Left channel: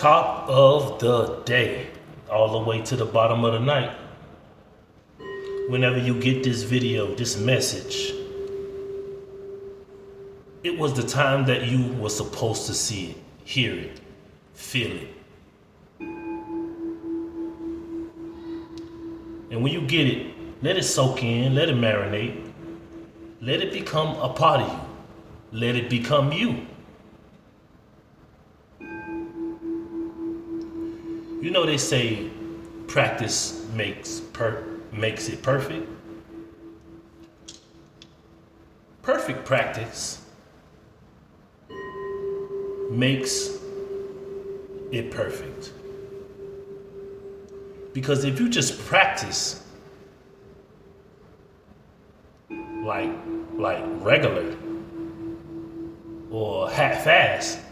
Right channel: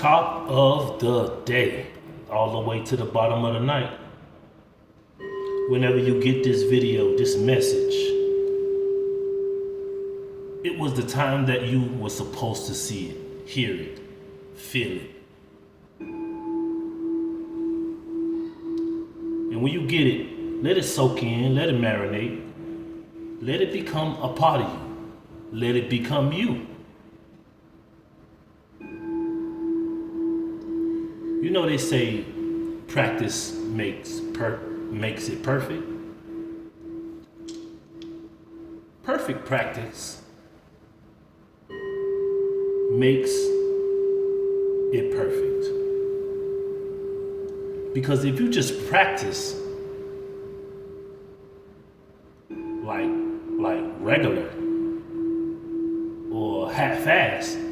Top of the day, all the way to the bottom of the night. Whenever you get this video, this message, it was the time that you were supposed to see it, hear it, feel it. And when you get it, let it soak in, let it marinate, let it become a part of you, let it become you. You know they say practice makes it perfect. Perfect practice makes it perfect. Because if you just practice like regular or half-assed,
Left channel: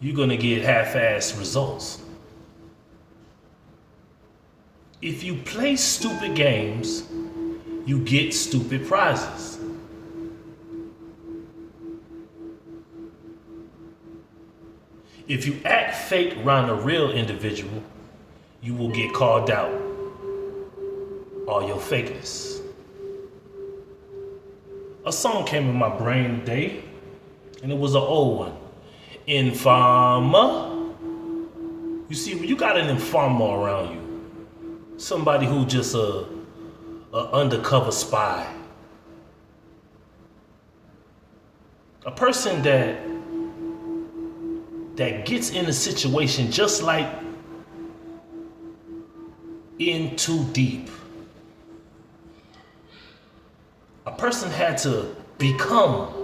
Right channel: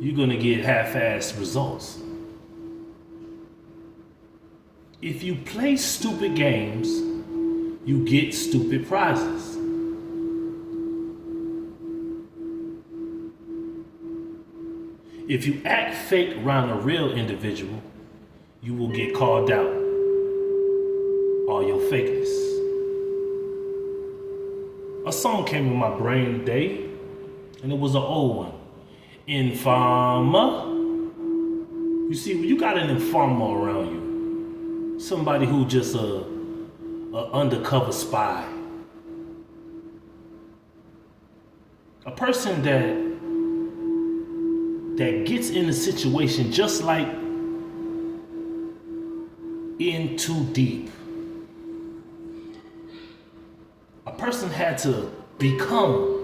you're gonna get half-assed results. If you play stupid games, you get stupid prizes. If you act fake around a real individual, you will get called out all your fakeness. A song came in my brain today, and it was an old one. Informer. You see, when you got an informer around you, somebody who just a undercover spy, a person that gets in a situation just like in too deep. A person had to become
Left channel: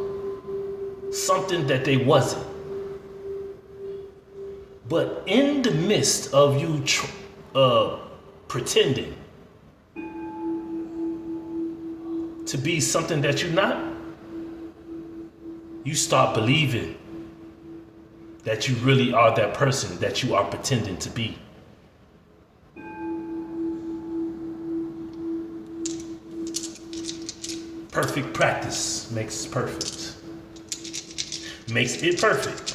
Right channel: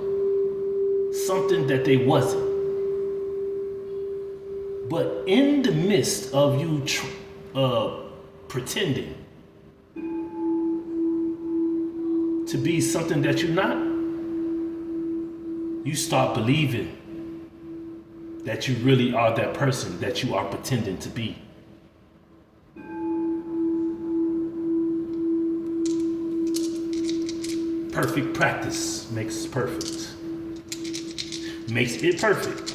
something that they wasn't. But in the midst of you pretending to be something that you're not, you start believing that you really are that person that you are pretending to be. Perfect practice makes perfect. Makes it perfect.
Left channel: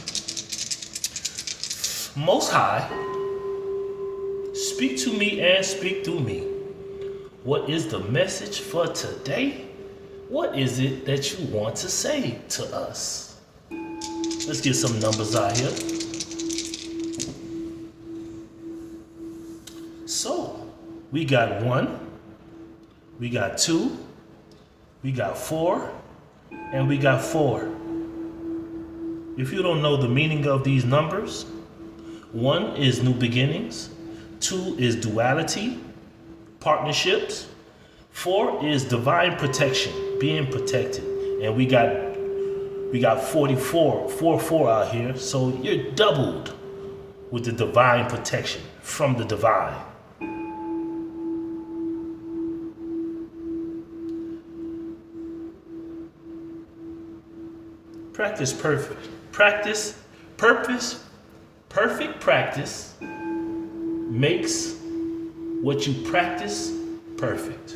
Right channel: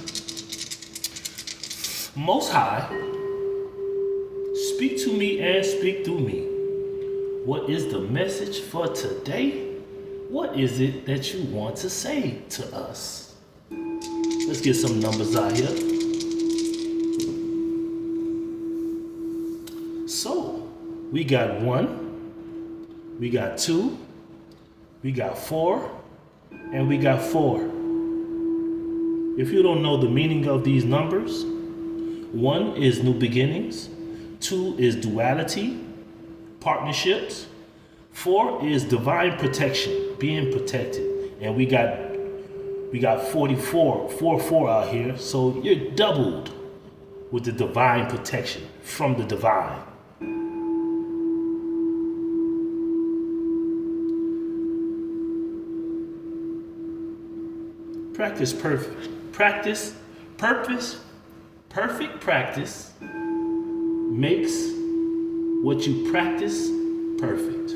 Most High, speak to me and speak through me. What is the message for today? What is it that you want to say to us? Let's get some numbers out here. So, we got 1, we got 2, we got 4, and we got 4. If you don't know the meaning of these numbers, 1 is new beginnings, 2 is duality, partnerships, 4 is divine protection, being protected. And we got 44 out here, so you're doubled with the divine protection from the divine. Practice perfect. Practice, purpose, perfect practice makes what you practice perfect.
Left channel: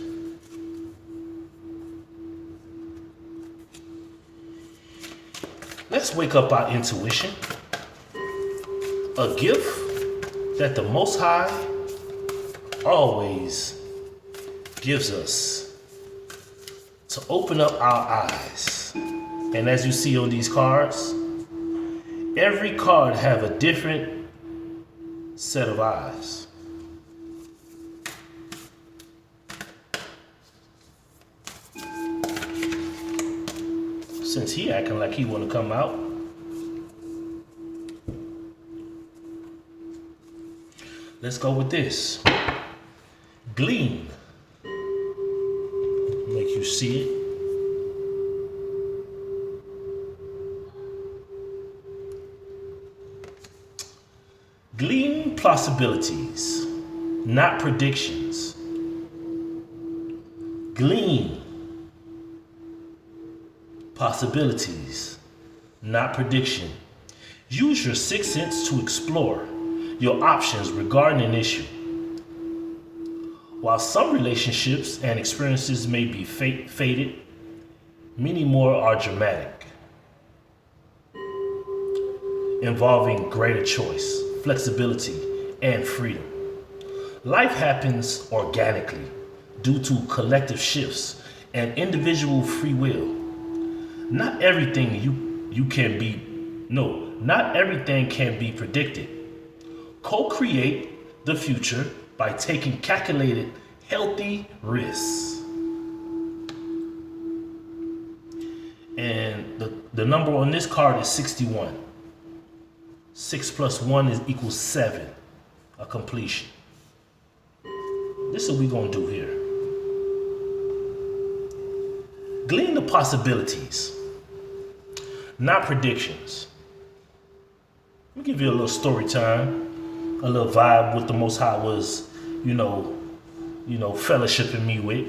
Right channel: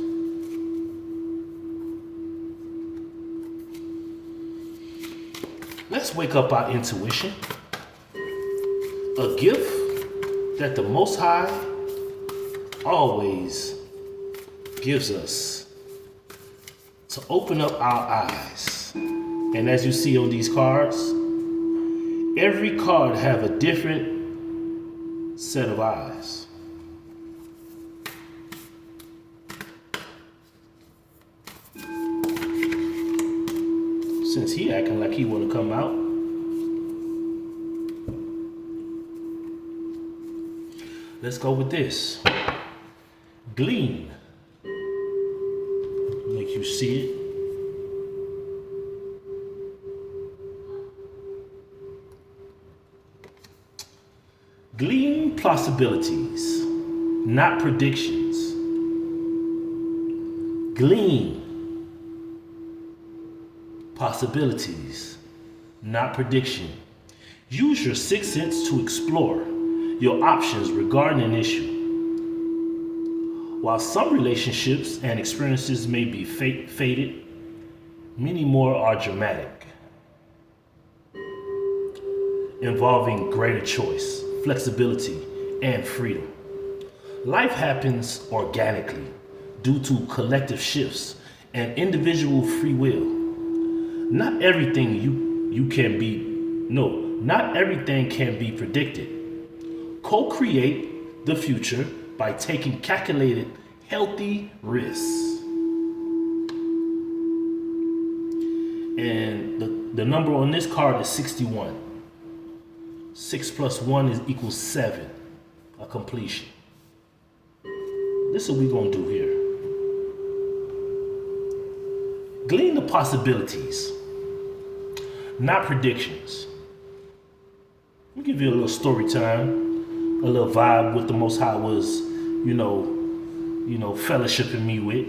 Let's wake up our intuition, a gift that the Most High always gives us to open up our eyes. And as you see on these cards, every card have a different set of eyes. Since he acting like he wanna come out, let's go with this. Glean. Make you see it. Glean possibilities, not predictions. Glean possibilities, not prediction. Use your sixth sense to explore your options regarding an issue. While some relationships and experiences may be faded, many more are dramatic. involving greater choice, flexibility, and freedom. Life happens organically due to collective shifts and individual free will. Not everything you can be no, not everything can be predicted. Co-create the future by taking calculated, healthy risks. And the number on this card is 61. 6 plus 1 is equals 7, a completion. This is what we're going to do here. Glean the possibilities, not predictions. Let me give you a little story time, a little vibe what the Most High was, fellowshipping me with.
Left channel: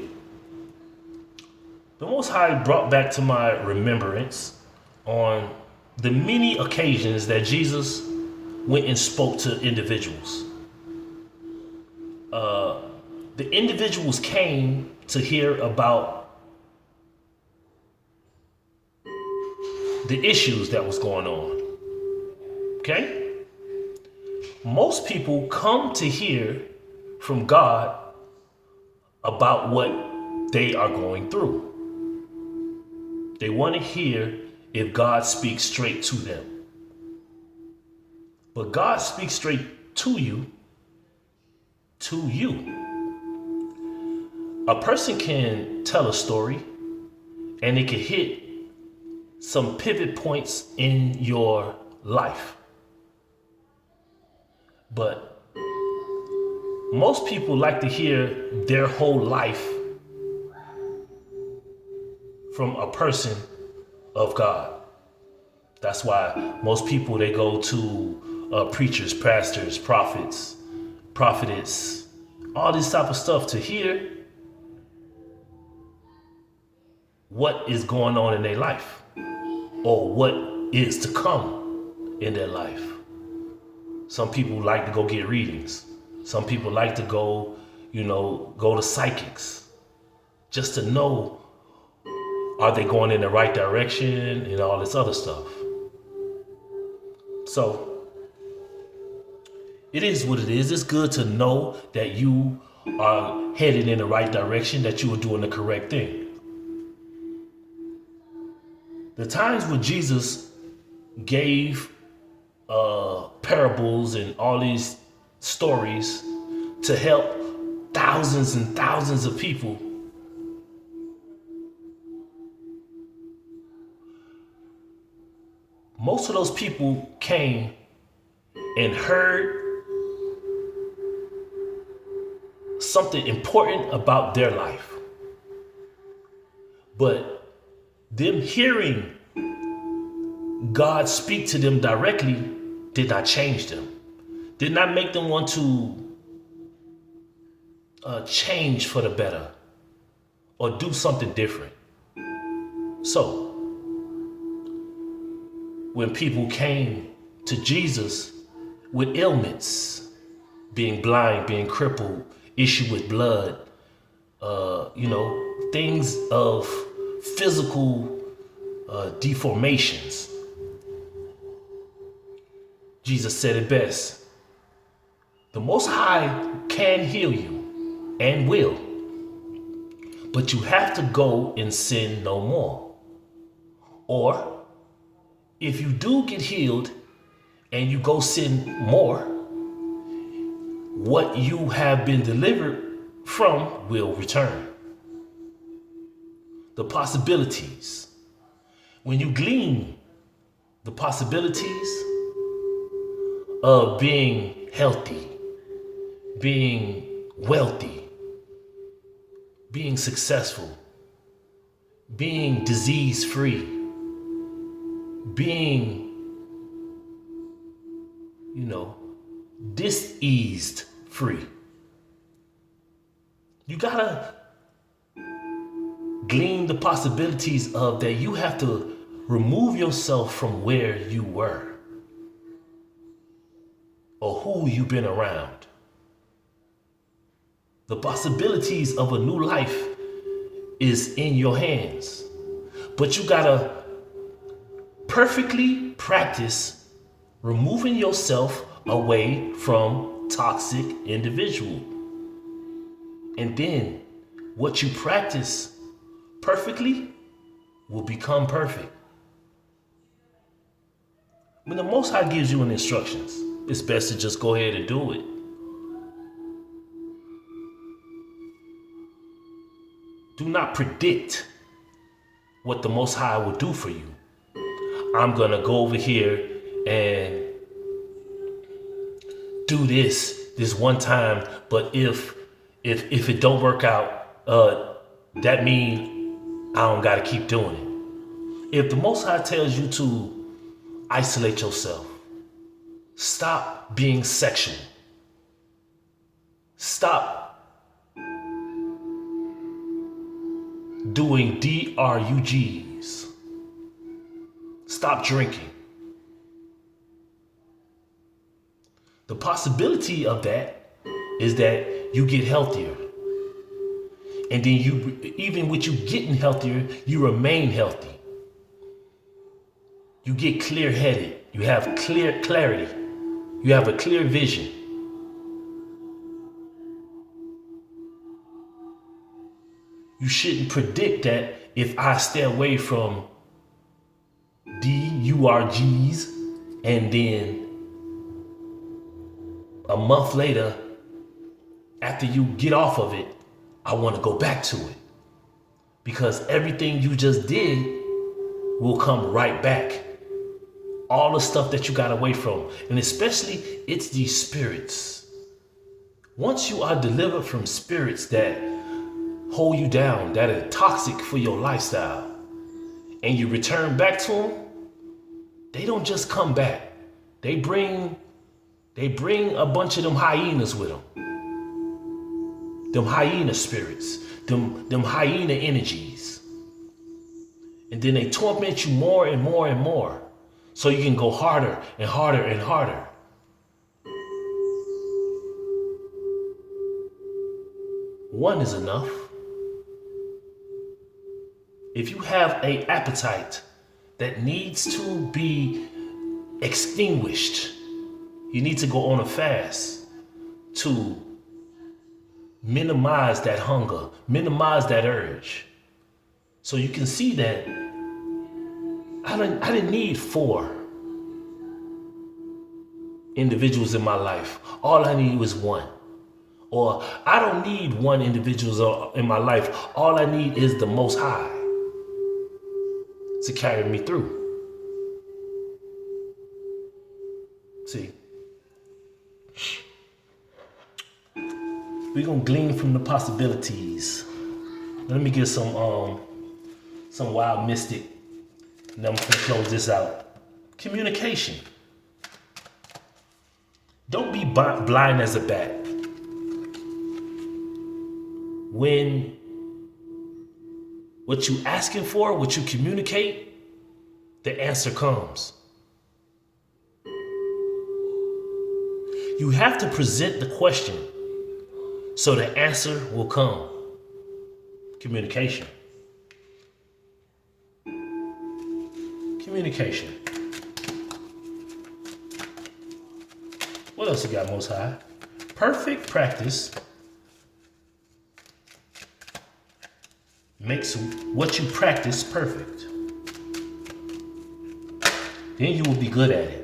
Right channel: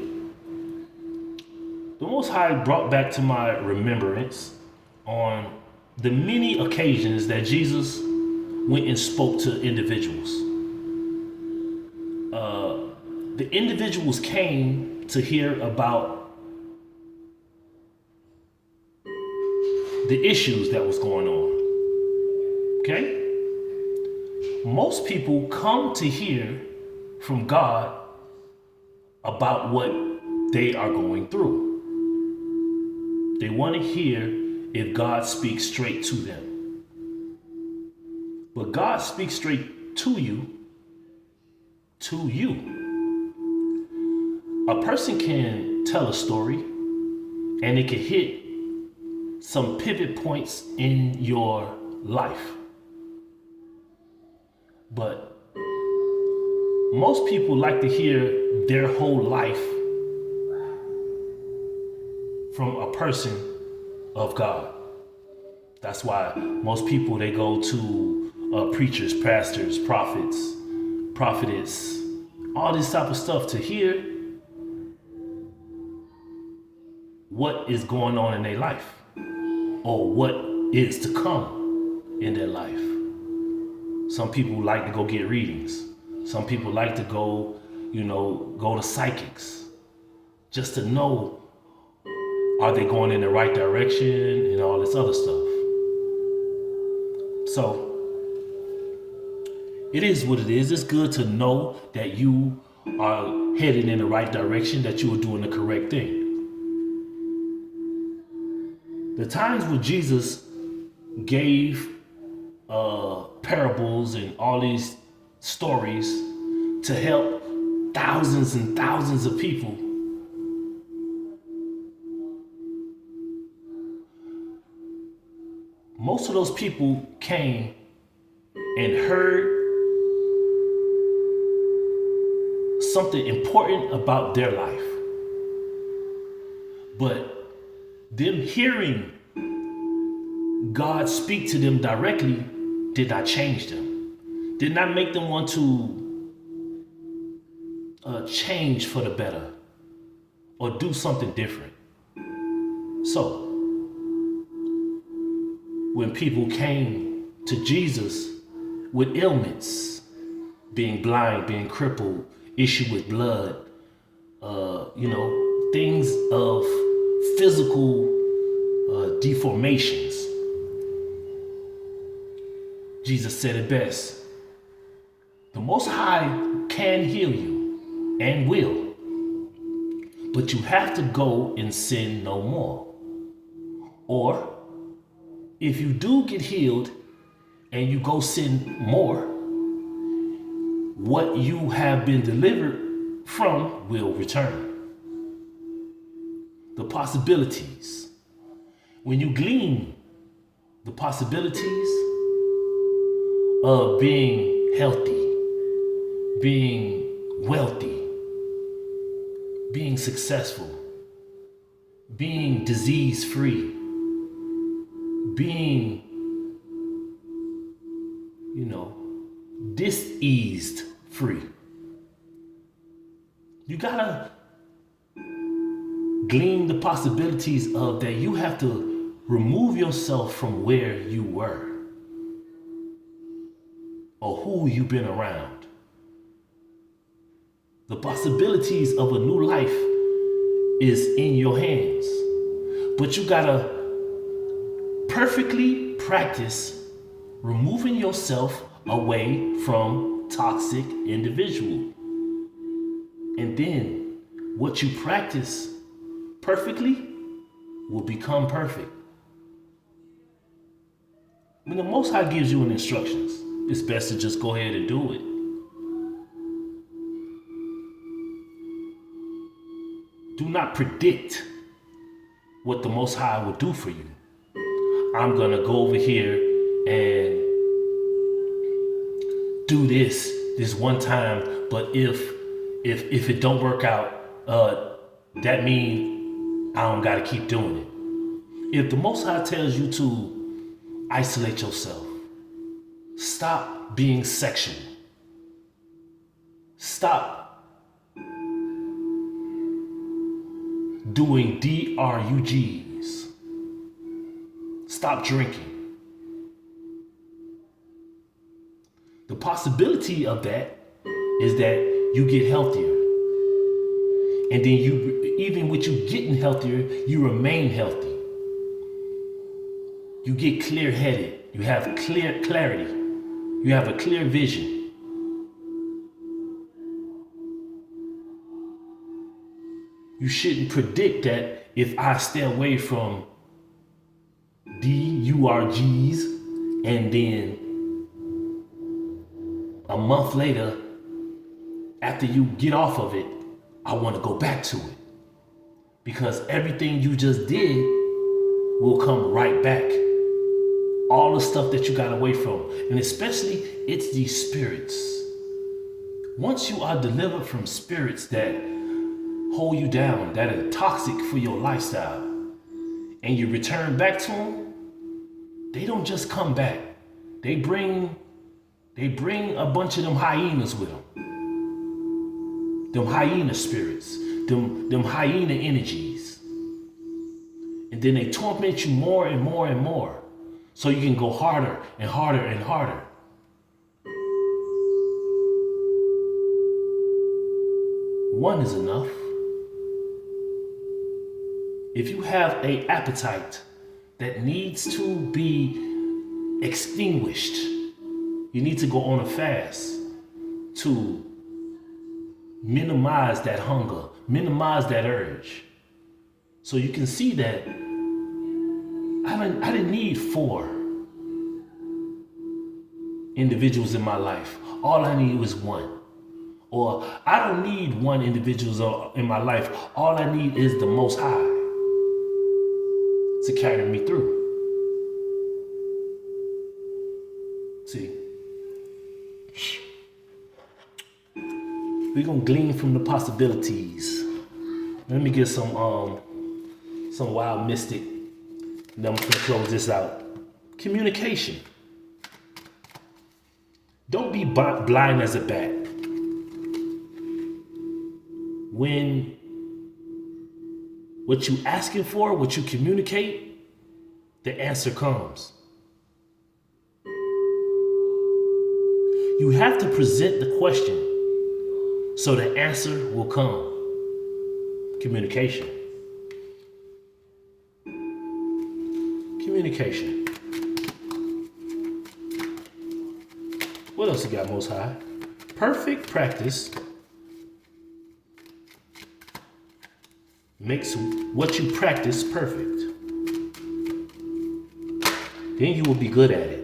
The Most High brought back to my remembrance on the many occasions that Jesus went and spoke to individuals. The individuals came to hear about the issues that was going on. Okay? Most people come to hear from God about what they are going through. They want to hear if God speaks straight to them. But God speaks straight to you. A person can tell a story and it can hit some pivot points in your life. But most people like to hear their whole life from a person of God. That's why most people, they go to preachers, pastors, prophets, prophetess, all this type of stuff to hear what is going on in their life or what is to come in their life. Some people like to go get readings. Some people like to go to psychics just to know, are they going in the right direction and all this other stuff. So it is what it is. It's good to know that you are headed in the right direction, that you are doing the correct thing. The times when Jesus gave parables and all these stories to help thousands and thousands of people, most of those people came and heard something important about their life. But them hearing God speak to them directly did not change them, did not make them want to change for the better or do something different. So, when people came to Jesus with ailments, being blind, being crippled, issue with blood, things of physical deformations, Jesus said it best. The Most High can heal you and will, but you have to go and sin no more. Or if you do get healed and you go sin more, what you have been delivered from will return. The possibilities. When you glean the possibilities of being healthy, being wealthy, being successful, being disease-free, being, diseased free. You gotta glean the possibilities of that you have to remove yourself from where you were or who you've been around. The possibilities of a new life is in your hands, but you gotta perfectly practice removing yourself away from toxic individual. And then what you practice perfectly will become perfect. When the Most High gives you an instructions, it's best to just go ahead and do it. Do not predict what the Most High will do for you. I'm gonna go over here and do this one time, but if it don't work out, that means I don't gotta keep doing it. If the Most High tells you to isolate yourself, stop being sexual. Stop doing DRUGs. Stop drinking. The possibility of that is that you get healthier. And then even with you getting healthier, you remain healthy. You get clear-headed. You have clarity. You have a clear vision. You shouldn't predict that if I stay away from DURGs and then a month later, after you get off of it, I want to go back to it. Because everything you just did will come right back. All the stuff that you got away from. And especially, it's these spirits. Once you are delivered from spirits that hold you down, that are toxic for your lifestyle, and you return back to them, they don't just come back. They bring a bunch of them hyenas with them. Them hyena spirits, them hyena energies. And then they torment you more and more and more. So you can go harder and harder and harder. One is enough. If you have an appetite that needs to be extinguished, you need to go on a fast to minimize that hunger, minimize that urge. So you can see that I didn't need 4 individuals in my life. All I need was 1. Or I don't need 1 individual in my life. All I need is the Most High to carry me through. See, we're gonna glean from the possibilities. Let me get some wild mystic. And then I'm gonna close this out. Communication. Don't be blind as a bat. When what you asking for, what you communicate, the answer comes. You have to present the question so the answer will come. Communication. Communication. What else you got, Most High? Perfect practice makes what you practice perfect. Then you will be good at it.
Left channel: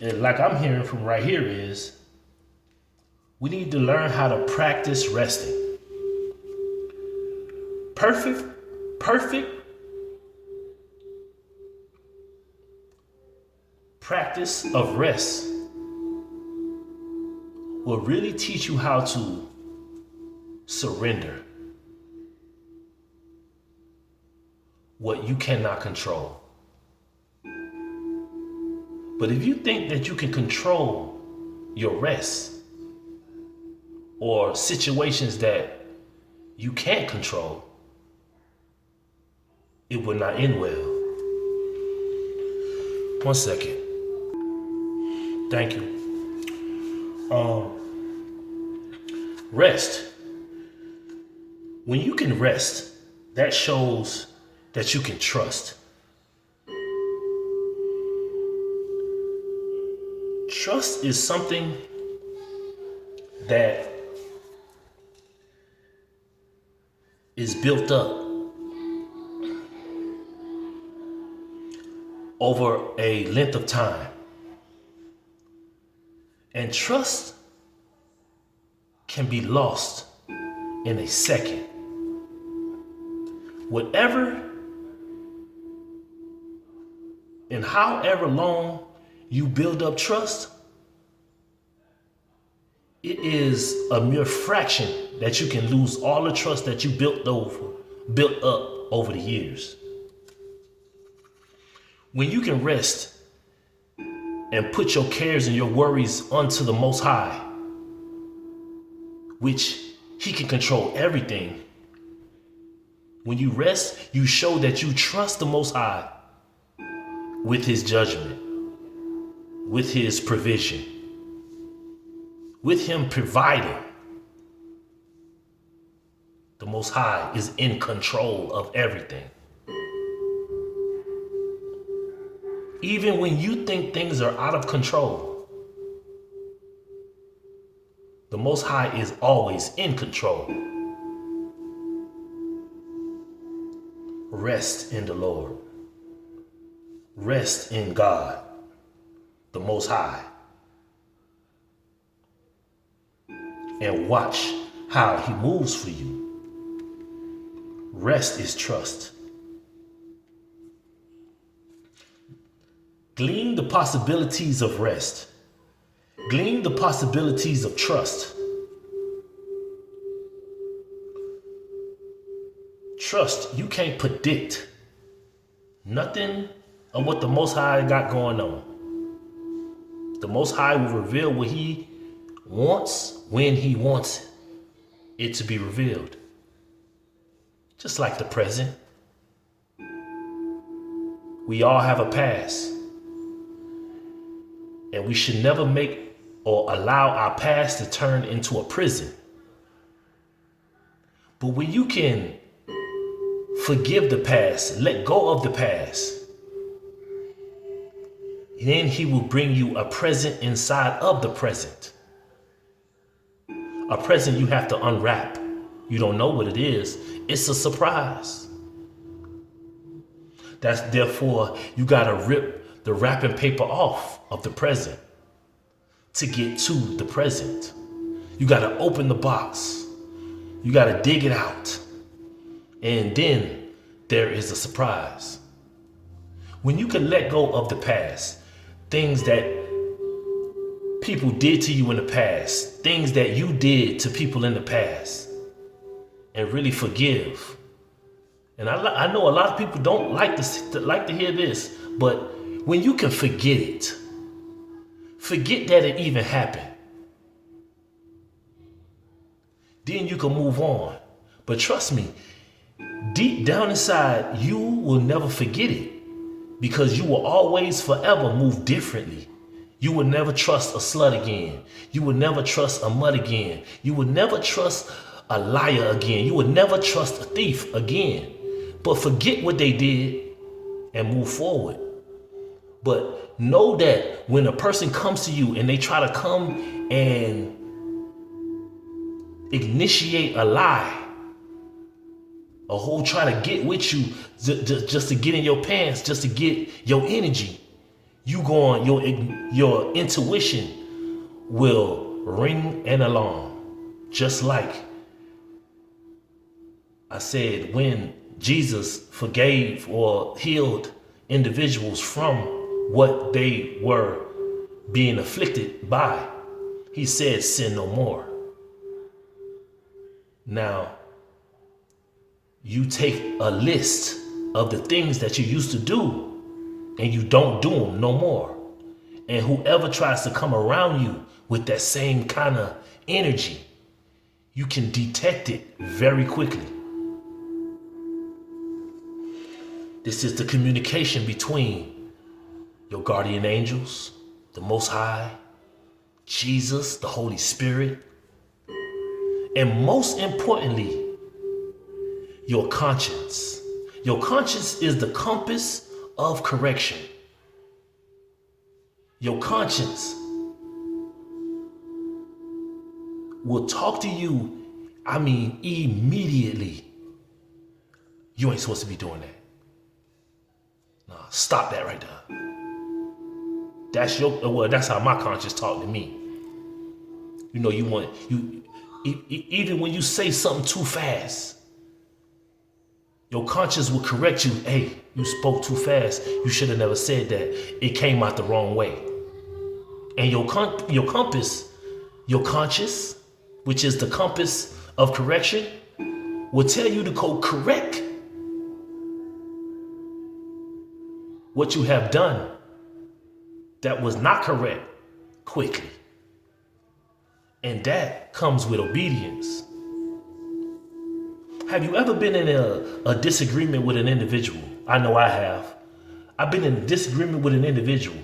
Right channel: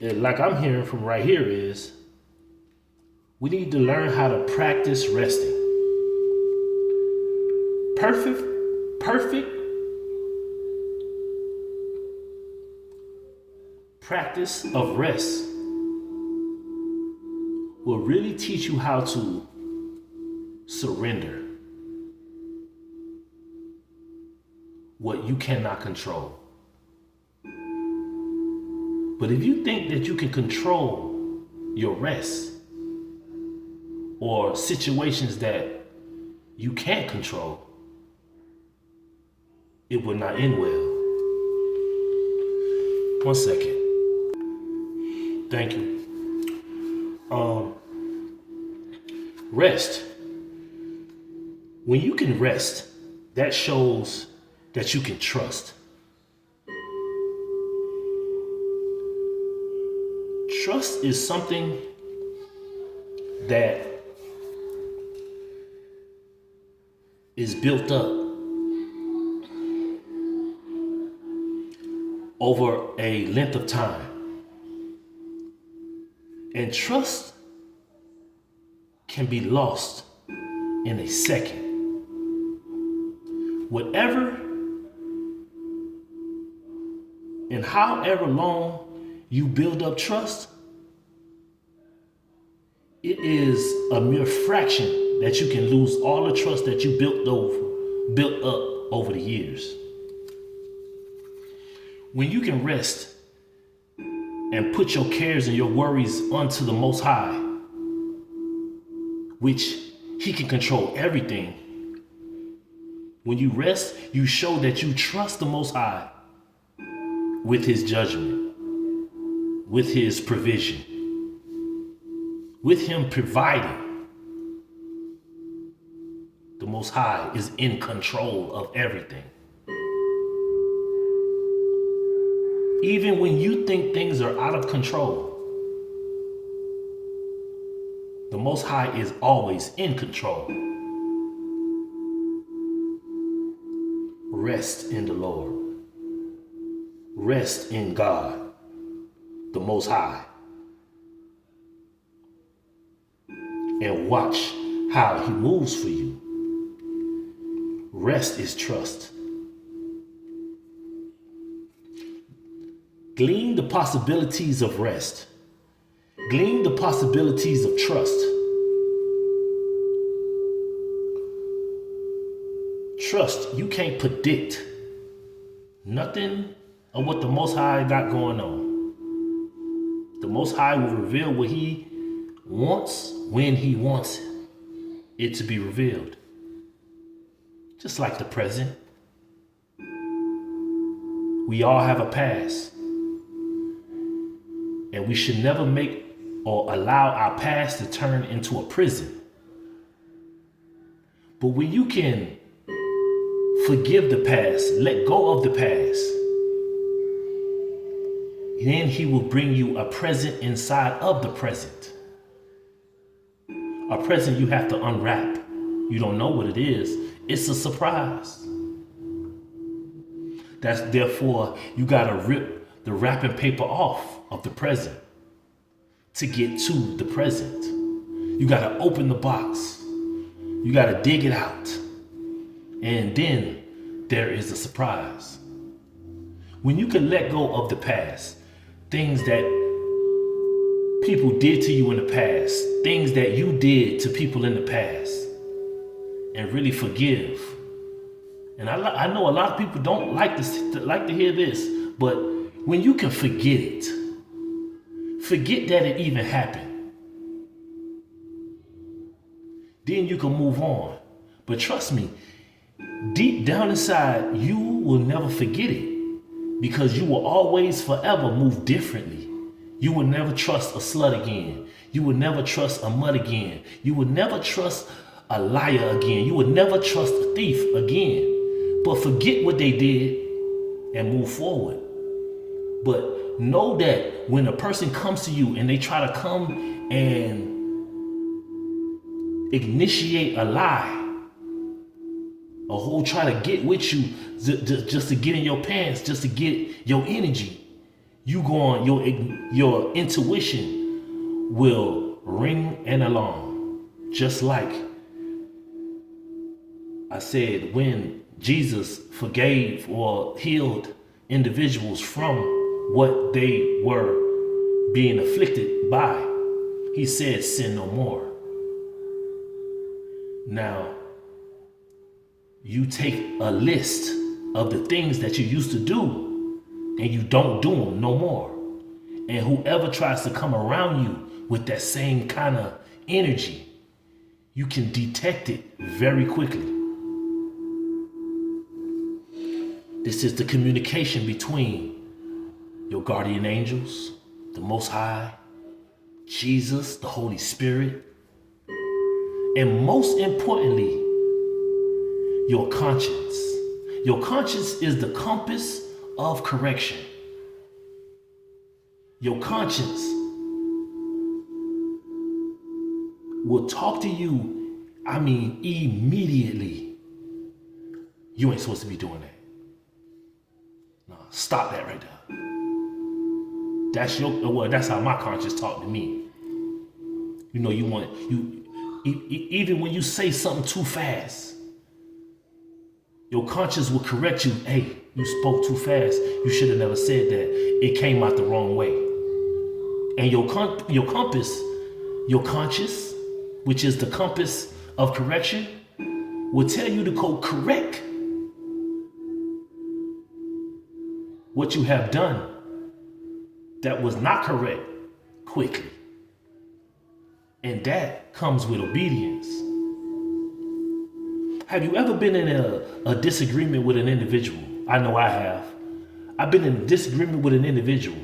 Like I'm hearing from right here is, we need to learn how to practice resting. Perfect practice of rest will really teach you how to surrender what you cannot control. But if you think that you can control your rest or situations that you can't control, it will not end well. 1 second. Thank you. Rest. When you can rest, that shows that you can trust. Trust is something that is built up over a length of time. And trust can be lost in a second. Whatever and however long you build up trust, it is a mere fraction that you can lose all the trust that you built up over the years. When you can rest and put your cares and your worries onto the Most High, which He can control everything. When you rest, you show that you trust the Most High with His judgment, with His provision, with Him providing. The Most High is in control of everything. Even when you think things are out of control, the Most High is always in control. Rest in the Lord. Rest in God, the Most High. And watch how He moves for you. Rest is trust. Glean the possibilities of rest. Glean the possibilities of trust. Trust, you can't predict nothing of what the Most High got going on. The Most High will reveal what He wants when He wants it to be revealed. Just like the present. We all have a past. And we should never make or allow our past to turn into a prison. But when you can forgive the past, let go of the past, then He will bring you a present inside of the present. A present you have to unwrap. You don't know what it is. It's a surprise. Therefore, you gotta rip the wrapping paper off of the present to get to the present. You gotta open the box. You gotta dig it out. And then there is a surprise. When you can let go of the past, things that people did to you in the past, things that you did to people in the past, and really forgive. And I know a lot of people don't like to hear this, but when you can forget it, forget that it even happened, then you can move on. But trust me, deep down inside, you will never forget it, because you will always forever move differently. You will never trust a slut again. You will never trust a mud again. You will never trust a liar again. You will never trust a thief again. But forget what they did and move forward. But know that when a person comes to you and they try to come and initiate a lie, a whole try to get with you just to get in your pants, just to get your energy, you go on, your intuition will ring an alarm. Just like I said, when Jesus forgave or healed individuals from what they were being afflicted by, He said, sin no more. Now, you take a list of the things that you used to do and you don't do them no more. And whoever tries to come around you with that same kind of energy, you can detect it very quickly. This is the communication between your guardian angels, the Most High, Jesus, the Holy Spirit, and most importantly, your conscience. Your conscience is the compass of correction. Your conscience will talk to you, I mean, immediately. You ain't supposed to be doing that. Nah, stop that right there. That's how my conscience talk to me. You know, even when you say something too fast, your conscience will correct you. Hey, you spoke too fast. You should have never said that. It came out the wrong way. And your compass, your conscience, which is the compass of correction, will tell you to go correct what you have done that was not correct quickly. And that comes with obedience. Have you ever been in a disagreement with an individual? I know I have. I've been in a disagreement with an individual.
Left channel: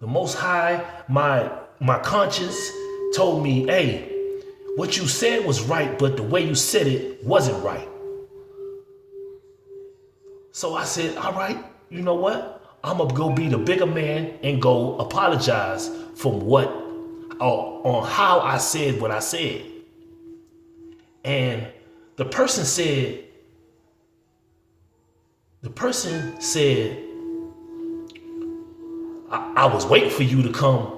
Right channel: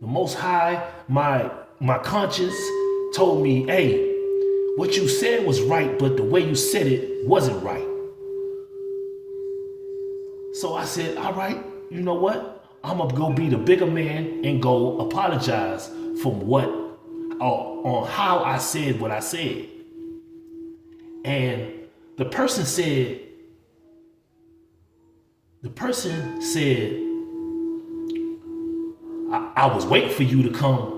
The Most High, my conscience told me, hey, what you said was right, but the way you said it wasn't right. So I said, all right, you know what? I'm gonna go be the bigger man and go apologize on how I said what I said. And the person said, I was waiting for you to come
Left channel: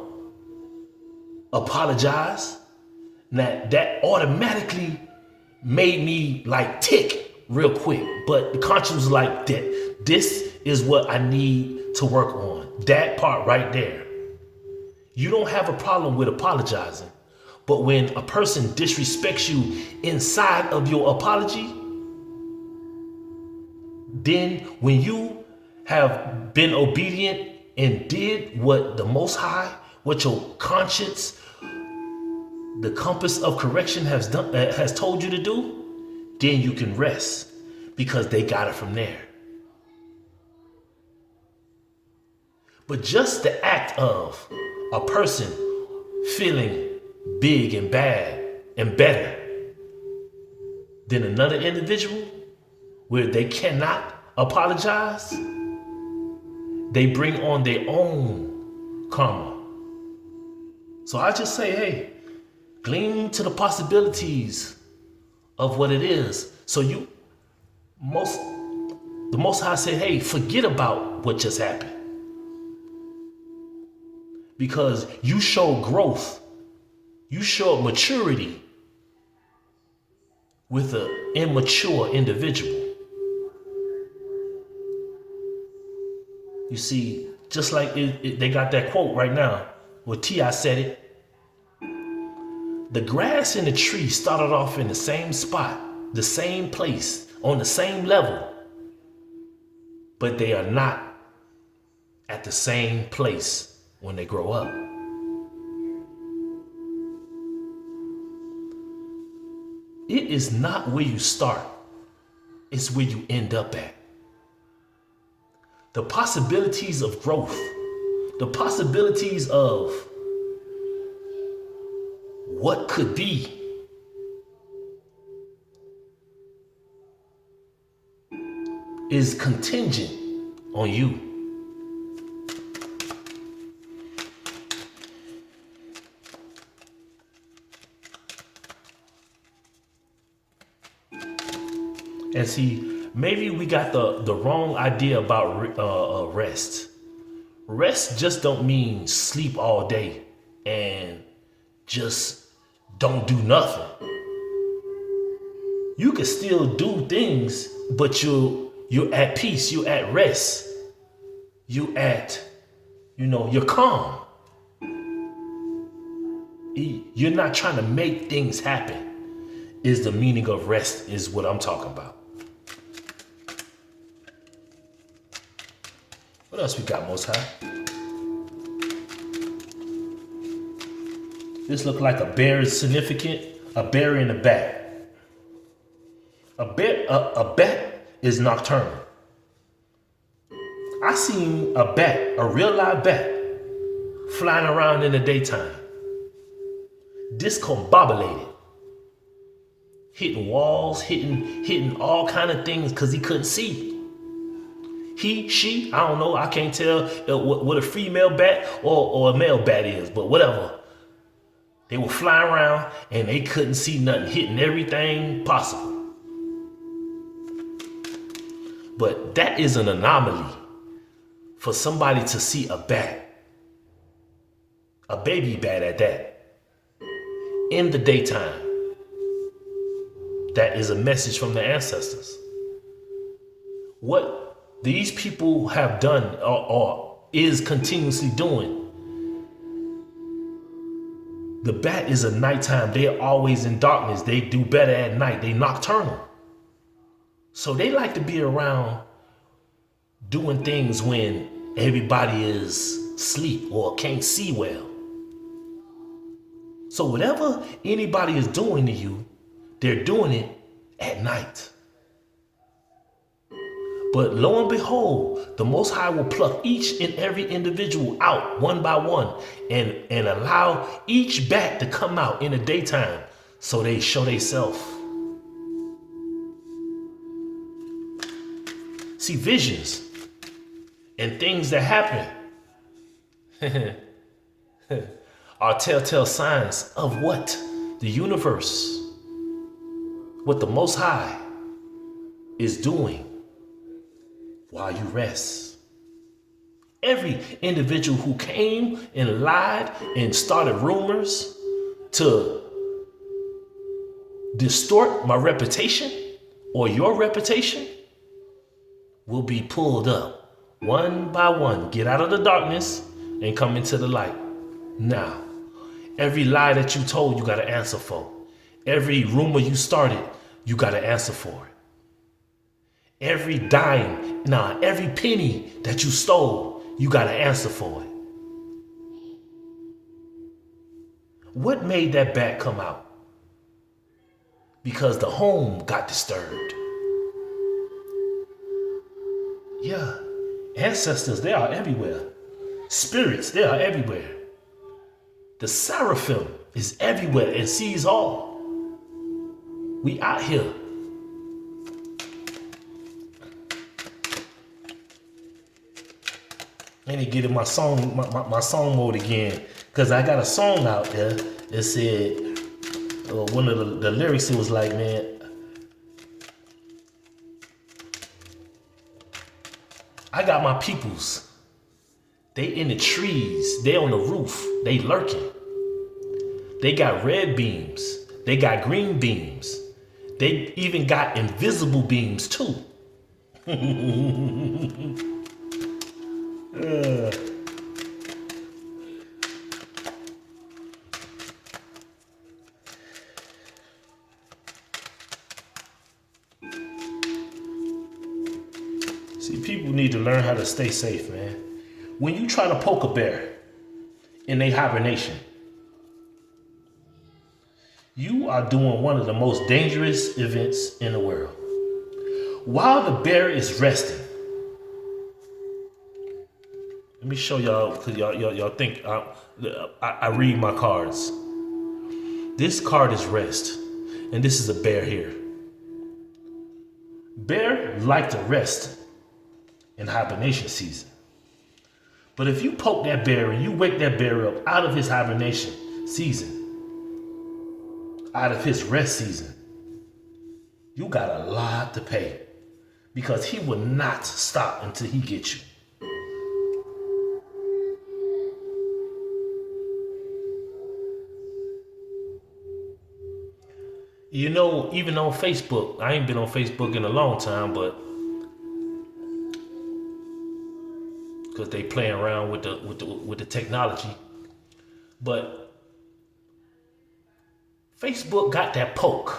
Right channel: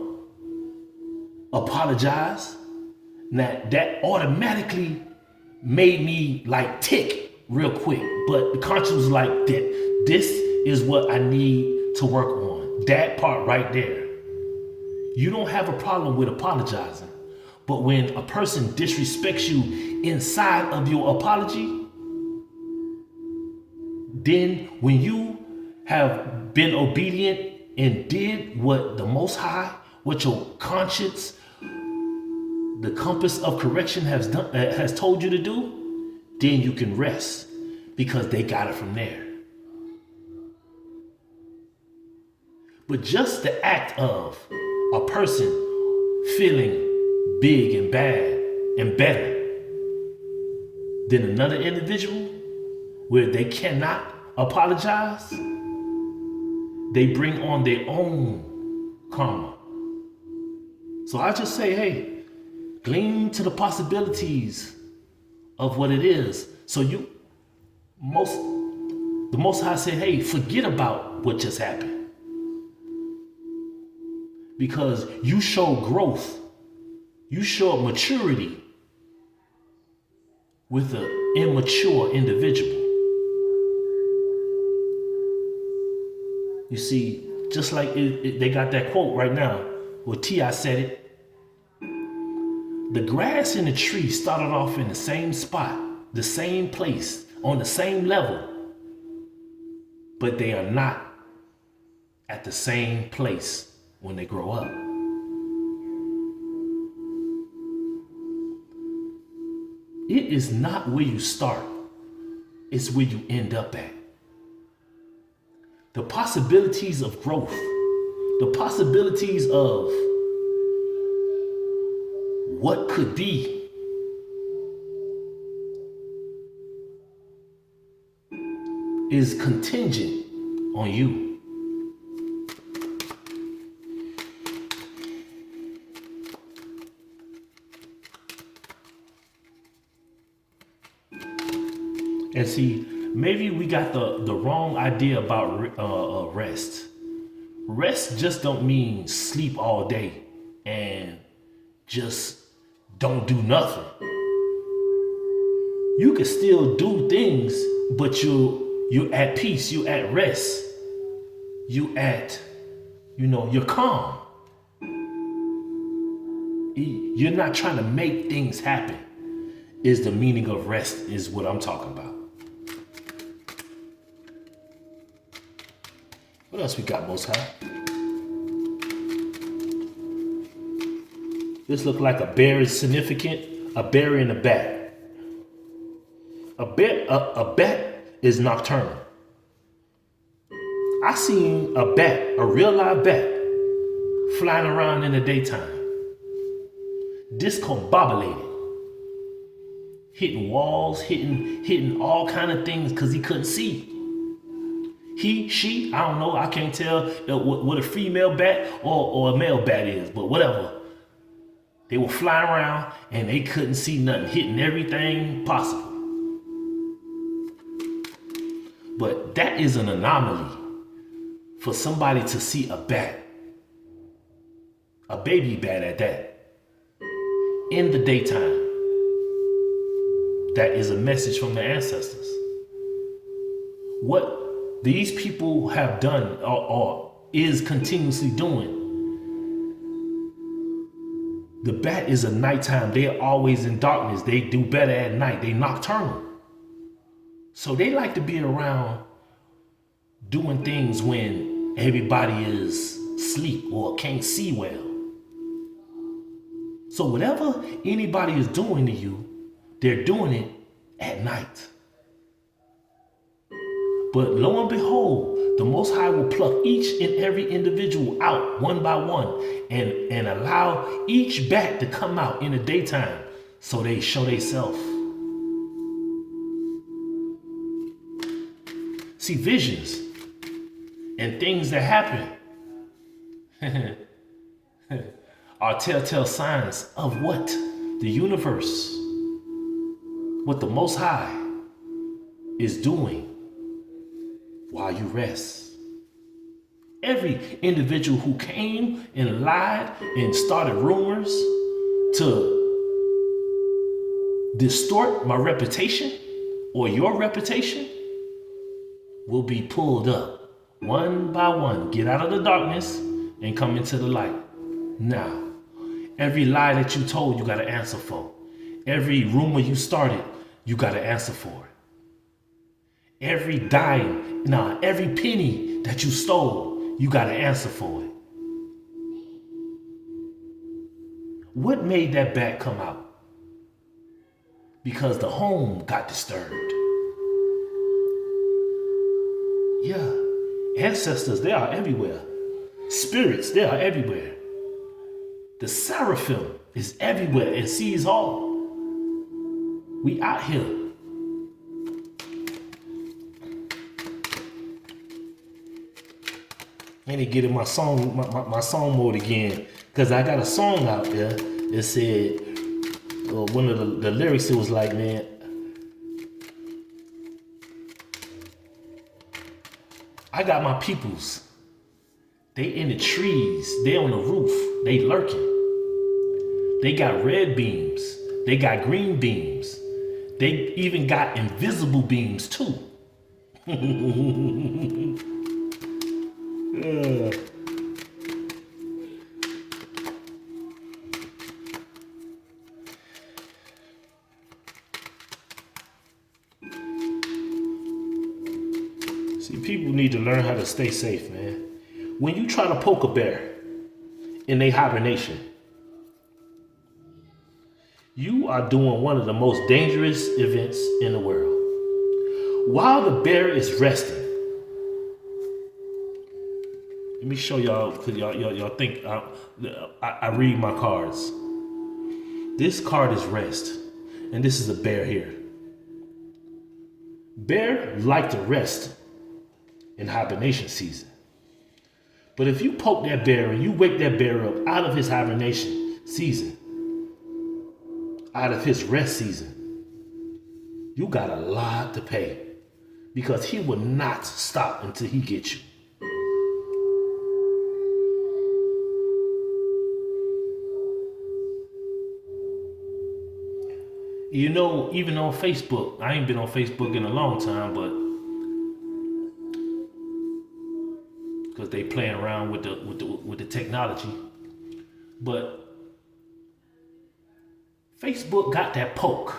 apologize. Now that automatically made me like tick real quick. But the conscience was like, this is what I need to work on. That part right there. You don't have a problem with apologizing. But when a person disrespects you inside of your apology, then when you have been obedient and did what the Most High, what your conscience, the compass of correction has told you to do, then you can rest because they got it from there. But just the act of a person feeling big and bad and better than another individual where they cannot apologize, they bring on their own karma. So I just say, hey, glean to the possibilities of what it is. So the Most High say, hey, forget about what just happened. Because you show growth, you show maturity with an immature individual. You see, just like they got that quote right now where T.I. said it. The grass and the tree started off in the same spot, the same place, on the same level, but they are not at the same place when they grow up. It is not where you start, it's where you end up at. The possibilities of growth, the possibilities of what could be, is contingent on you. And see, maybe we got the wrong idea about rest. Rest just don't mean sleep all day and just don't do nothing. You can still do things, but you're at peace, you're at rest, you're calm. You're not trying to make things happen, is the meaning of rest, is what I'm talking about. What else we got, Most High? This look like a bear is significant. A bear and a bat. A bat is nocturnal. I seen a bat, a real live bat, flying around in the daytime, discombobulated, hitting walls, hitting all kind of things because he couldn't see. He, she, I don't know. I can't tell what a female bat or a male bat is, but whatever. They would fly around and they couldn't see nothing, hitting everything possible. But that is an anomaly for somebody to see a bat, a baby bat at that, in the daytime. That is a message from the ancestors. What these people have done or is continuously doing, the bat is a nighttime. They are always in darkness. They do better at night. They nocturnal. So they like to be around doing things when everybody is asleep or can't see well. So whatever anybody is doing to you, they're doing it at night. But lo and behold, the Most High will pluck each and every individual out one by one and allow each bat to come out in the daytime so they show themselves. See, visions and things that happen are telltale signs of what? The universe, what the Most High is doing while you rest. Every individual who came and lied and started rumors to distort my reputation or your reputation will be pulled up one by one. Get out of the darkness and come into the light. Now, every lie that you told, you got to answer for. Every rumor you started, you got to answer for it. Every dime, every penny that you stole, you got to answer for it. What made that bat come out? Because the home got disturbed. Yeah, ancestors, they are everywhere. Spirits, they are everywhere. The seraphim is everywhere and sees all. We out here. I need to get in my song, my song mode again, because I got a song out there that said, one of the lyrics, it was like, man, I got my peoples. They in the trees, they on the roof, they lurking. They got red beams, they got green beams. They even got invisible beams too. See, people need to learn how to stay safe, man. When you try to poke a bear in their hibernation, you are doing one of the most dangerous events in the world. While the bear is resting, let me show y'all, because y'all think I read my cards. This card is rest, and this is a bear here. Bear like to rest in hibernation season. But if you poke that bear and you wake that bear up out of his hibernation season, out of his rest season, you got a lot to pay, because he will not stop until he gets you. You know, even on Facebook, I ain't been on Facebook in a long time, but because they playing around with the technology, but Facebook got that poke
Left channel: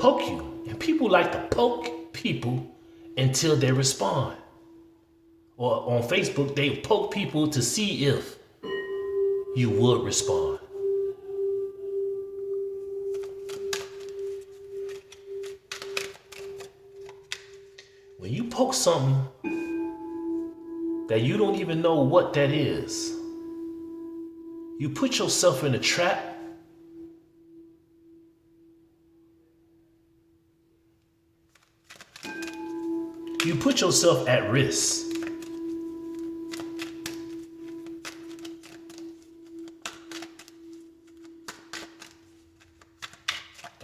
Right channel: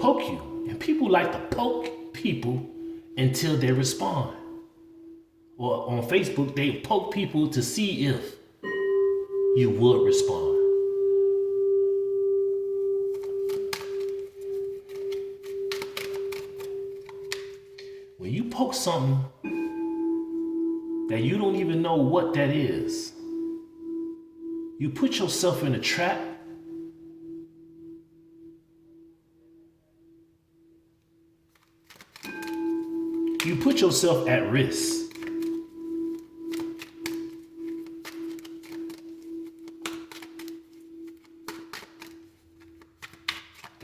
you, and people like to poke people until they respond. Or on Facebook, they poke people to see if you would respond. When you poke something that you don't even know what that is, you put yourself in a trap. You put yourself at risk.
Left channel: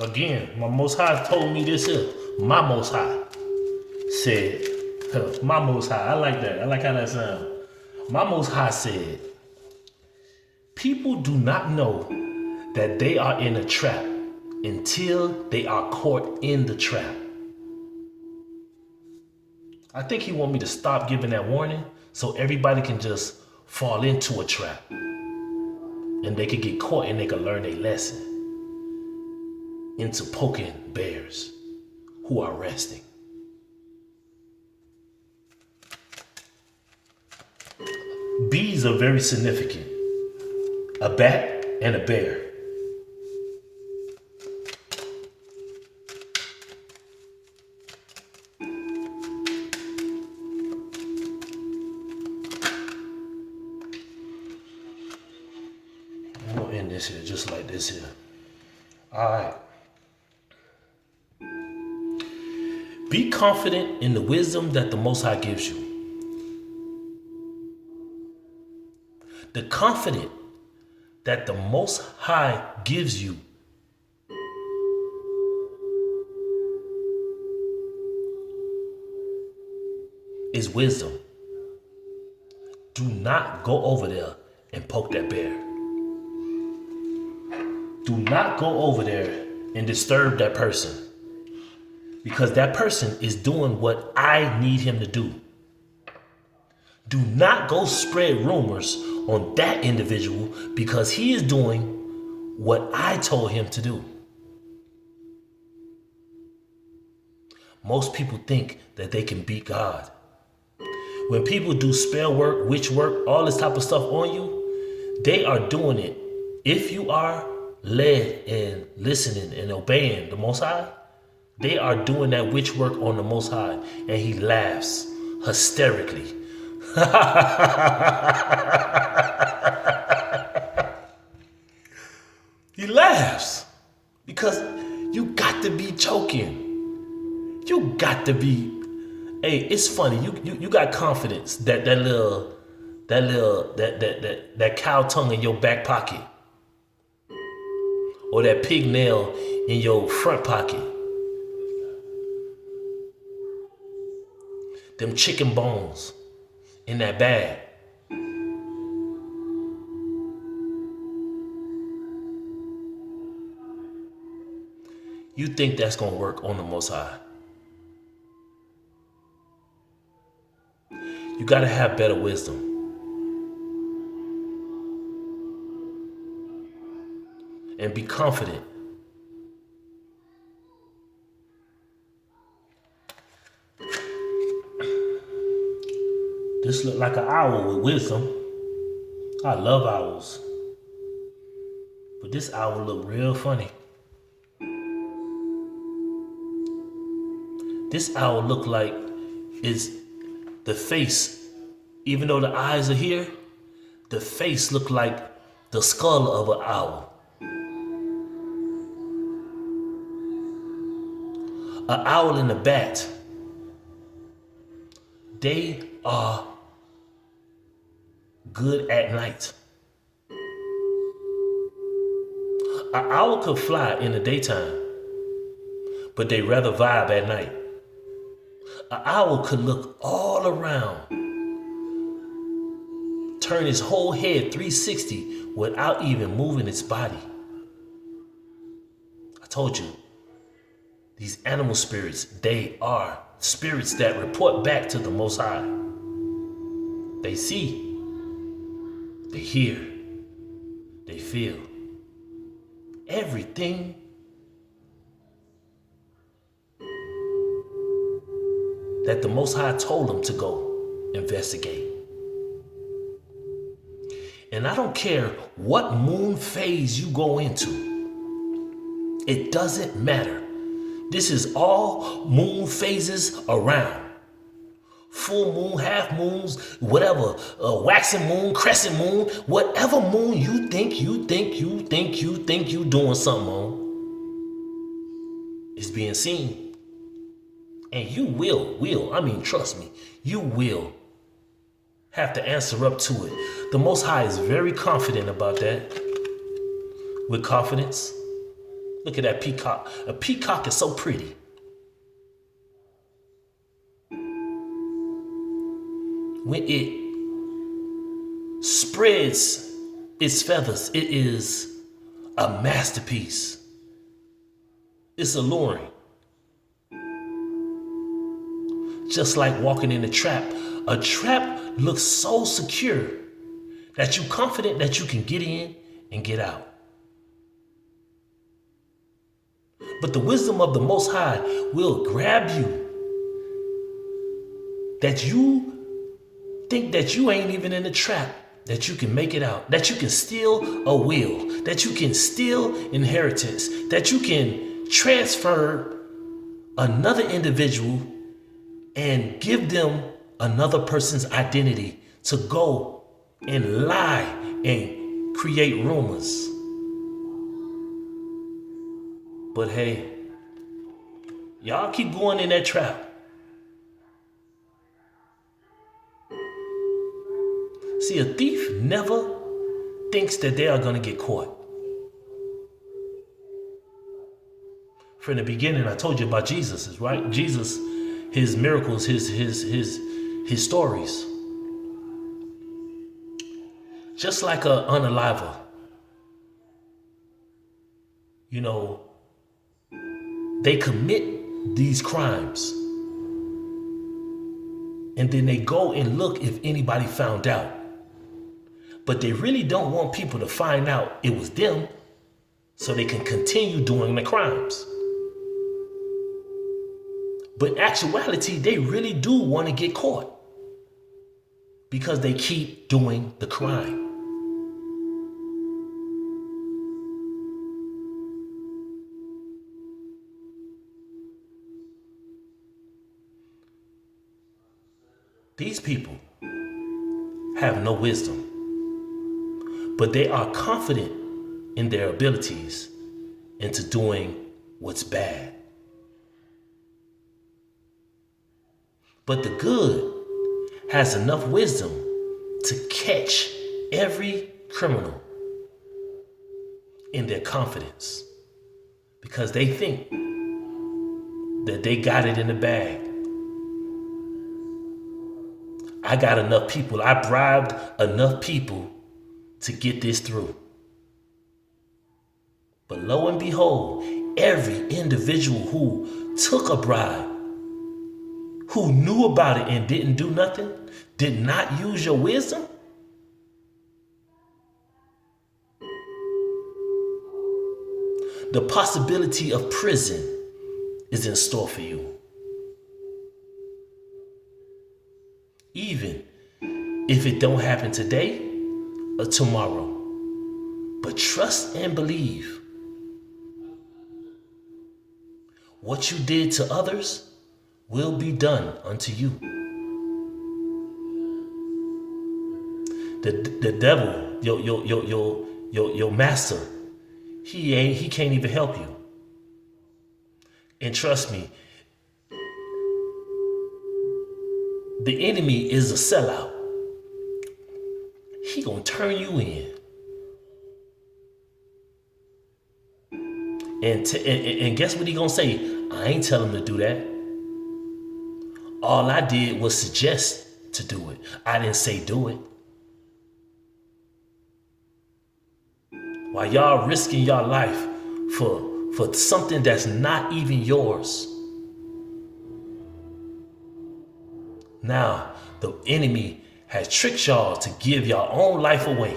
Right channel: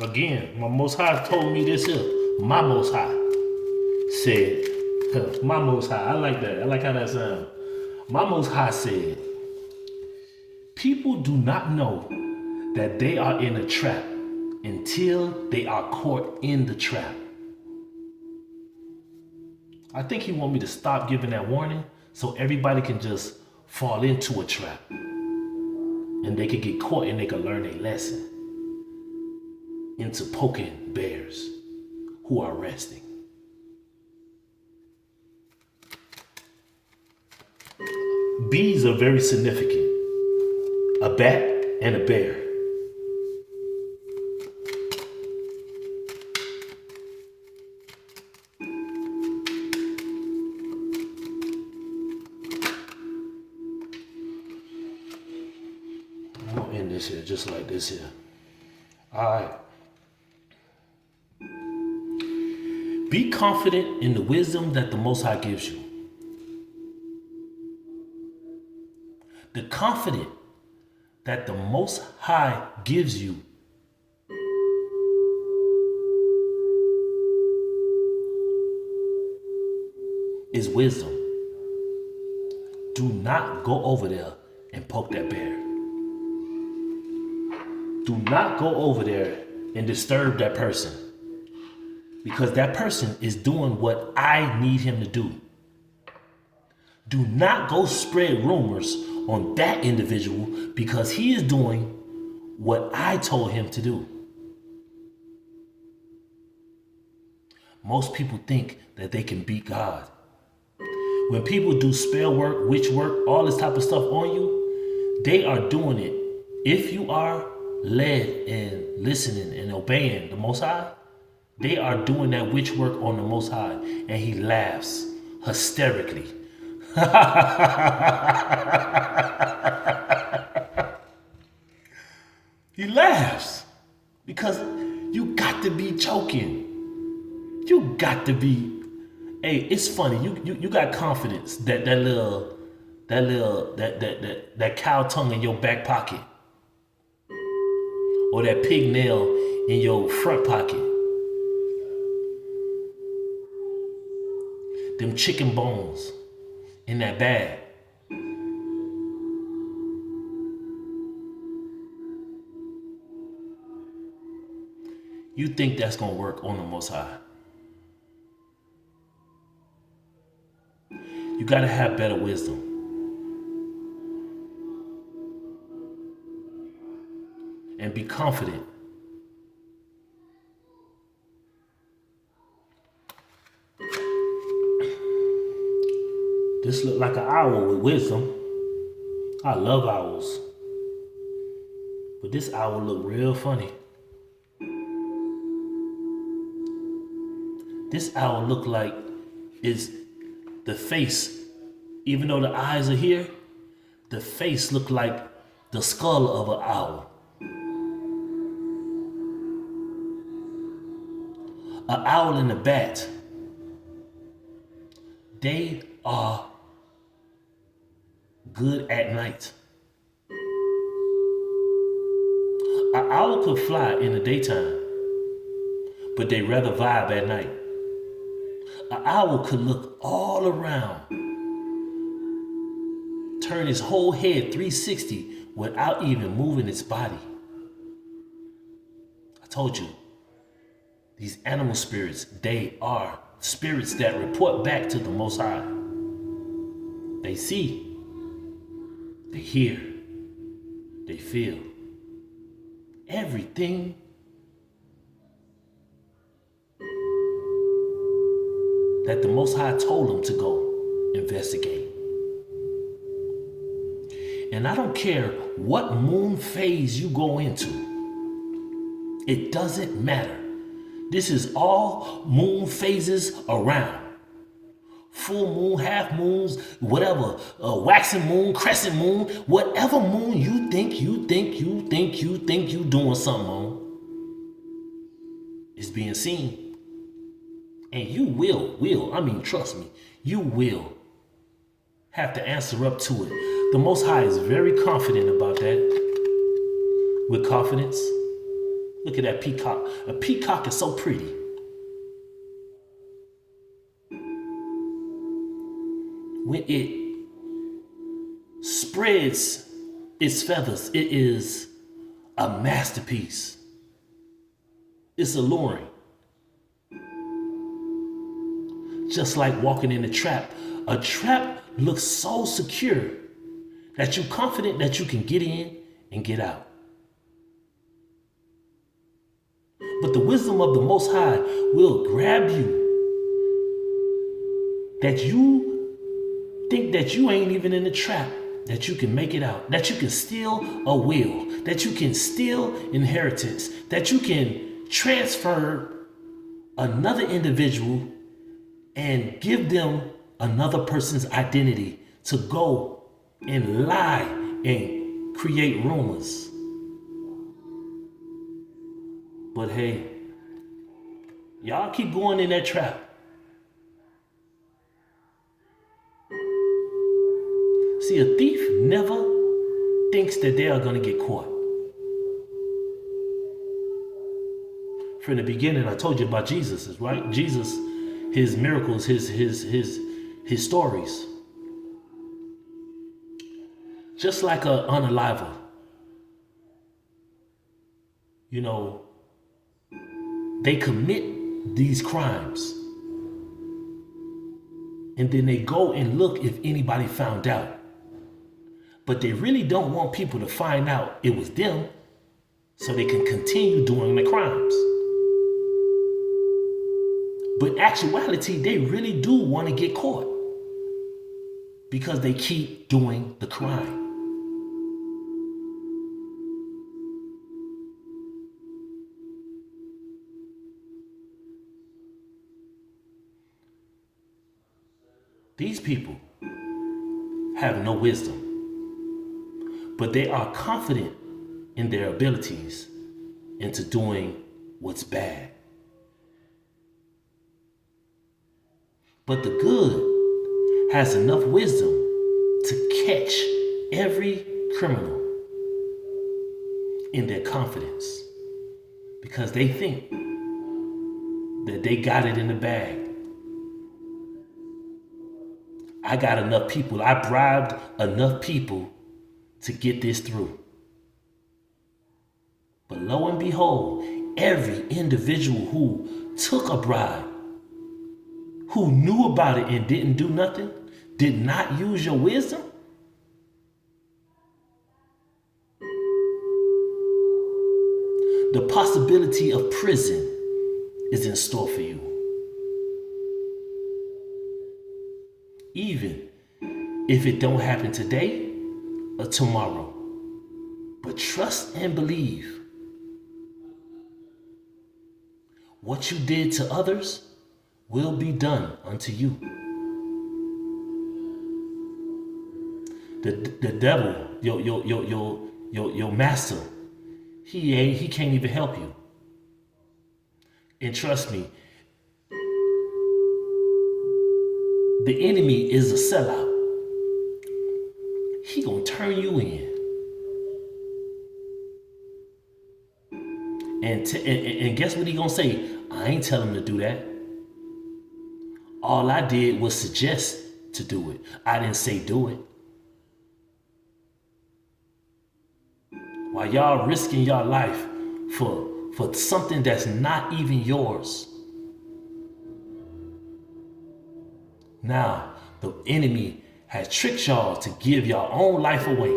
Again, my Most High told me this here. My Most High said, my Most High, I like that. I like how that sounds. My Most High said, people do not know that they are in a trap until they are caught in the trap. I think he want me to stop giving that warning so everybody can just fall into a trap. And they could get caught and they could learn a lesson into poking bears who are resting. Bees are very significant. A bat and a bear. I'm gonna end this here just like this here. All right. Be confident in the wisdom that the Most High gives you. The confidence that the Most High gives you is wisdom. Do not go over there and poke that bear. Do not go over there and disturb that person. Because that person is doing what I need him to do. Do not go spread rumors on that individual because he is doing what I told him to do. Most people think that they can beat God. When people do spell work, witch work, all this type of stuff on you, they are doing it. If you are led and listening and obeying the Most High, they are doing that witch work on the Most High, and he laughs hysterically. He laughs because you got to be choking. You got to be. Hey, it's funny. You got confidence that cow tongue in your back pocket, or that pig nail in your front pocket. Them chicken bones in that bag. You think that's gonna work on the Most High. You gotta have better wisdom. And be confident. This look like an owl with wisdom. I love owls. But this owl look real funny. This owl look like it's the face, even though the eyes are here, the face look like the skull of an owl. An owl and a bat, they are good at night. An owl could fly in the daytime, but they rather vibe at night. An owl could look all around, turn his whole head 360 without even moving its body. I told you, these animal spirits, they are spirits that report back to the Most High. They see, they hear, they feel everything that the Most High told them to go investigate. And I don't care what moon phase you go into. It doesn't matter. This is all moon phases around. Full moon, half moons, whatever, waxing moon, crescent moon, whatever moon you think you doing something on is being seen. And you trust me, you will have to answer up to it. The Most High is very confident about that. With confidence, Look at that peacock. A peacock is so pretty. When it spreads its feathers, it is a masterpiece. It's alluring. Just like walking in a trap. A trap looks so secure that you're confident that you can get in and get out. But the wisdom of the Most High will grab you that you think that you ain't even in the trap, that you can make it out, that you can steal a will, that you can steal inheritance, that you can transfer another individual and give them another person's identity to go and lie and create rumors. But hey, y'all keep going in that trap. See, a thief never thinks that they are going to get caught. From the beginning, I told you about Jesus, right? Jesus, his miracles, his stories. Just like an unaliver. You know, they commit these crimes. And then they go and look if anybody found out. But they really don't want people to find out it was them so they can continue doing the crimes. But in actuality, they really do want to get caught because they keep doing the crime. These people have no wisdom, but they are confident in their abilities into doing what's bad. But the good has enough wisdom to catch every criminal in their confidence because they think that they got it in the bag. I got enough people. I bribed enough people to get this through. But lo and behold, every individual who took a bribe, who knew about it and didn't do nothing, did not use your wisdom, the possibility of prison is in store for you. Even if it don't happen today or tomorrow. But trust and believe. What you did to others will be done unto you. The devil, your master, he can't even help you. And trust me, the enemy is a sellout. He gonna turn you in. And guess what he gonna say? I ain't tell him to do that. All I did was suggest to do it. I didn't say do it. While y'all risking your life for something that's not even yours. Now, the enemy has tricked y'all to give your own life away.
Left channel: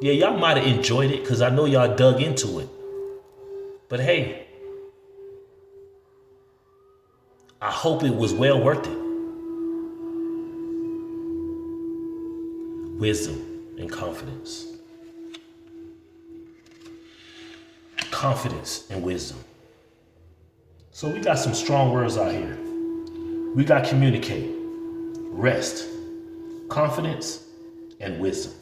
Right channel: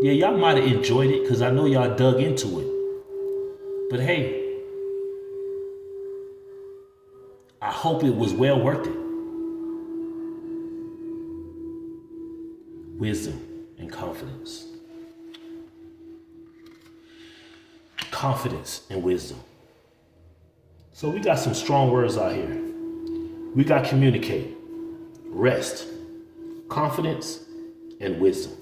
Yeah, y'all might have enjoyed it because I know y'all dug into it. But hey, I hope it was well worth it. Wisdom and confidence. Confidence and wisdom. So we got some strong words out here. We got communicate, rest, confidence, and wisdom.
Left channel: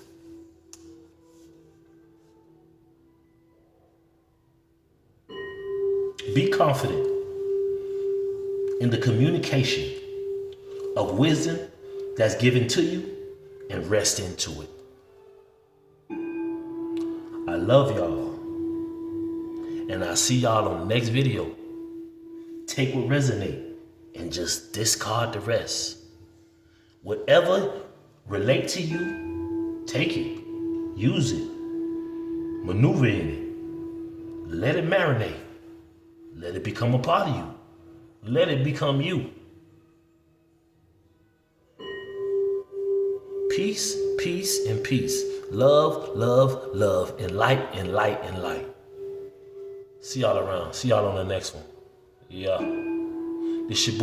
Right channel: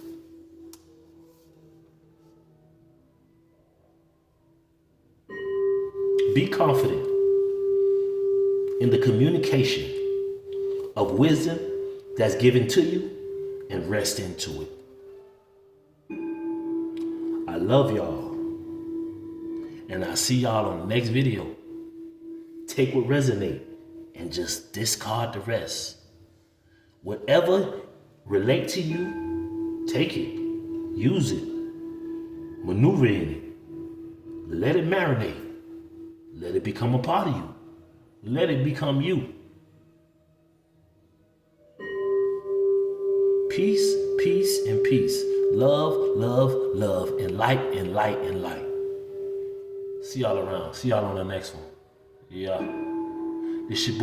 Be confident in the communication of wisdom that's given to you and rest into it. I love y'all. And I'll see y'all on the next video. Take what resonates and just discard the rest. Whatever relate to you, take it, use it, maneuver in it, let it marinate, let it become a part of you, let it become you. Peace, peace, and peace. Love, love, love, and light, and light, and light. See y'all around. See y'all on the next one. Yeah. This your boy.